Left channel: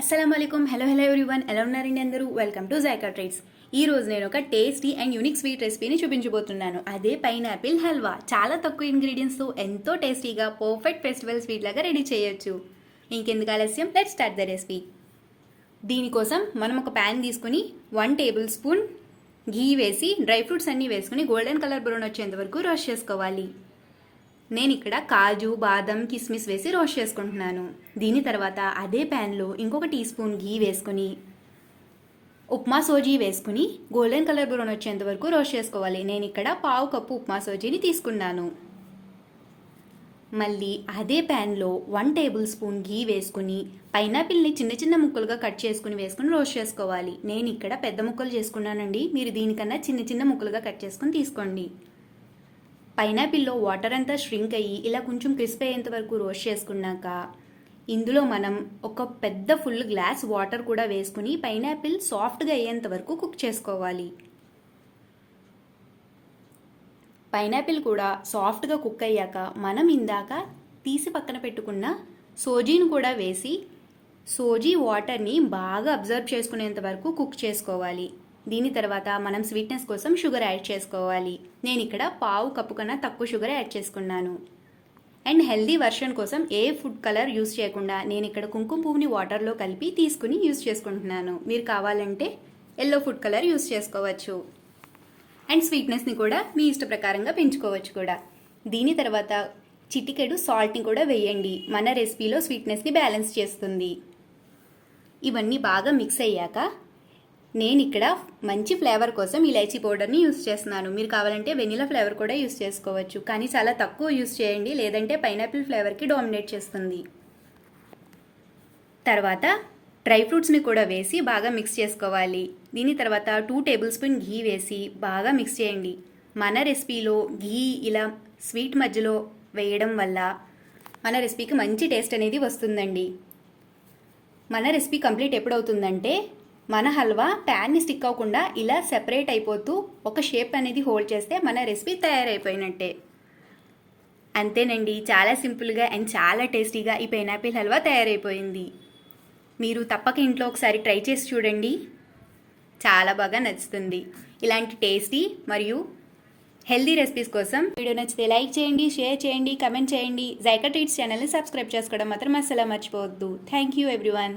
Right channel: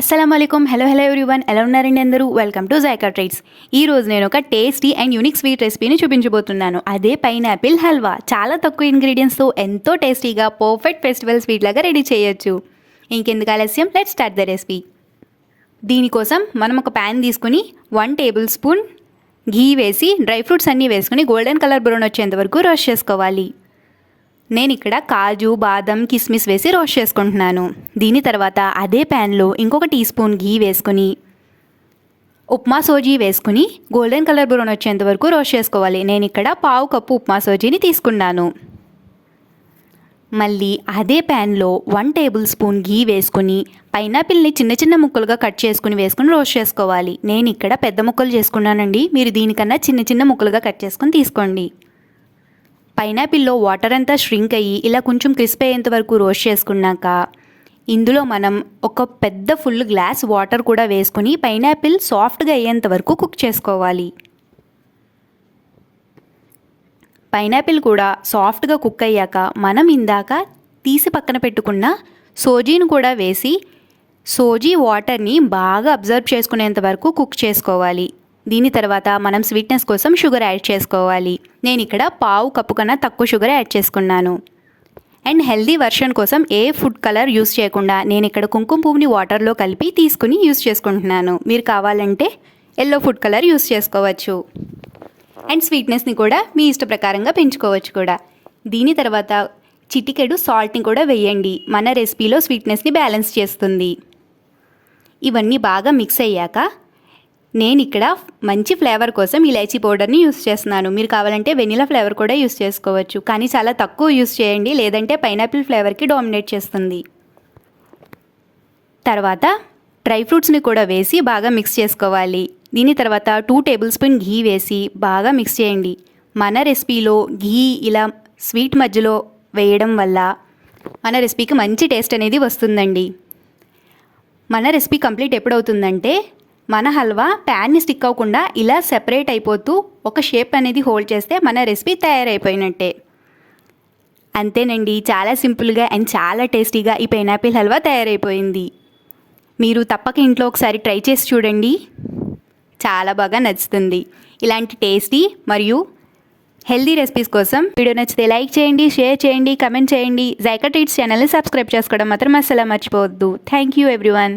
అస్సలాముఅలైకుం. Hello everyone, ఎలా ఉన్నారండి అందరూ? Welcome to JICA treats. ఈ రోజు నేను ఒక టేస్టీ అండ్ యూనిక్ స్వీట్ రెసిపీని చూపించబోతున్నాను. అదే పైనాపిల్ హల్వా. చాలా తక్కువ ఇంగ్రీడియంట్స్తో ఎంతో టేస్టీగా పర్ఫెక్ట్ ఫెస్టివల్ స్వీట్ లాగా రెడీ చేయొచ్చు. ఇంకెందుకు ఆలస్యం, లెట్స్ స్టార్ట్ ద రెసిపీ. దీనికోసం మనం ఒక ప్యాన్ తీసుకుని 1 టేబుల్ స్పూన్ ఘీ వేసి డ్రై ఫ్రూట్స్ అన్నీ వేసుకుని గోల్డెన్ కలర్ బ్రౌన్ వచ్చేంత వరకు రోస్ట్ చేసుకోవాలి. నేను ఇక్కడ కాజు, బాదం, కిస్మిస్ వేసి రోస్ట్ చేసుకుంటున్నాను. దీని తర్వాత అదే ప్యాన్లో ఇంకొక టీ స్పూన్ ఘీ వేసుకుని ఉప్మా సోజీ వేసుకుని గోల్డెన్ కలర్ బ్రౌన్ వచ్చేంత వరకు రోస్ట్ చేసుకోవాలి. నేను ఇక్కడ 1/2 కప్పు ఉప్మా సోజీని తీసుకున్నాను. మళ్ళీ అదే ప్యాన్లో 1 టేబుల్ స్పూన్ ఘీ వేసుకుని పైనాపిల్ని చిన్న చిన్న ముక్కలుగా కట్ చేసుకుని వేసుకుని రోస్ట్ చేసుకోవాలి. నేను ఇక్కడ పెద్ద ముక్కలు చేసుకున్నానండి. మీరు దీనికన్నా చిన్న చిన్న ముక్కలుగా కట్ చేసుకుని తీసుకోండి. పైనాపిల్లో వాటర్ అంతా ష్రింక్ అయ్యి ఇలా కొంచెం క్రిస్ప్ అయ్యేంత వరకు రోస్ట్ చేసుకున్నాక ఇందులో మనం ఒక పెద్ద ఫుల్ గ్లాస్ వాటర్ కూడా వేసుకొని పైనాపిల్ సాఫ్ట్గా అయ్యేంత వరకు కుక్ చేసుకోవాలి. పైనాపిల్ కూడా సాఫ్ట్గా కుక్ అయ్యాక మనం ఇందాక తీసి పక్కన పెట్టుకున్న సోజీని కూడా వేసి సోజీ వాటర్ని బాగా అబ్జర్వ్ చేసుకునేంత వరకు కుక్ చేసుకోవాలి. దీని తర్వాత మనం స్వీట్నెస్ కోసం షుగర్ యాడ్ చేసుకోవాలి. నేను ఇక్కడ 1/2 కప్పు కన్నా తక్కువ షుగర్ యాడ్ చేసుకున్నాను. అండ్ హెల్దీ వర్షన్ కోసం ఏ ఫుడ్ కలర్ యూస్ చేయకుండా నేను ఇక్కడ కుంకుమ పువ్వుని వాటర్లో కలిపి తీసుకుని యూస్ చేసుకుంటున్నాను. మీరు కావాలంటే ఎల్లో ఫుడ్ కలర్ యూస్ చేసుకోవచ్చు. అండ్ స్వీట్నెస్ని కూడా మీ ఇష్ట ప్రకారంగా పెంచుకోవచ్చు కూడా. దీని తర్వాత చిటికెడు సాల్ట్ని కూడా వేయండి. మన రెసిపీలో స్వీట్నెస్ని బ్యాలెన్స్ చేస్తుంది. ఇవన్నీ బాగా మిక్స్ అయ్యాక నేను ఇక్కడ మంచి ఫ్లేవర్ కోసం ఇలాచీ పౌడర్ని యూస్ చేస్తున్నాను. మీరు కావాలంటే వెనిలా ఫ్లేవర్ కూడా యూస్ చేసుకోవచ్చు, కానీ చాలా తక్కువ యూస్ చేయండి, లేదంటే పైనాపిల్ ఫ్లేవర్కి డామినేట్ చేస్తుంది. తర్వాత డ్రై ఫ్రూట్స్ని కూడా వేసి బాగా మిక్స్ చేసుకోవాలి. దీని తర్వాత 2 టేబుల్ స్పూన్ ఘీ వేసి బాగా మిక్స్ చేయండి. మన రెసిపీలో ఘీ ఇలా స్వీట్ మధ్యలో వేయడం వల్ల మన రెసిపీకి మంచి టేస్ట్ అనేది వస్తుందండి. మన రెసిపీ కంప్లీట్ ఎప్పుడవుతుందంటే మన హల్వా ప్యాన్ని స్టిక్ అవ్వకుండా ఇలా సెపరేట్ అయిపోతూ ఒక షేప్ అనేది హోల్డ్ చేస్తే మన రెసిపీ తయారైపోయినట్టే. అంతేనండి, చాలా సింపుల్గా అండ్ చాలా టేస్టీగా ఈ పైనాపిల్ హల్వా తయారైపోయింది. మీరు తప్పక ఇంట్లో ఒకసారి ట్రై చేసి చూడండి, చాలా బాగా నచ్చుతుంది. ఇలాంటి టేస్టీ మరియు హెల్దీ రెసిపీస్ కోసం వీడియో నచ్చితే లైక్ చేయండి, షేర్ చేయండి, కమెంట్ చేయండి. జైకా ట్రీట్స్ ఛానల్ని సబ్స్క్రైబ్ చేసుకోవడం మాత్రం అస్సలు మర్చిపోవద్దు. Thank you everyone.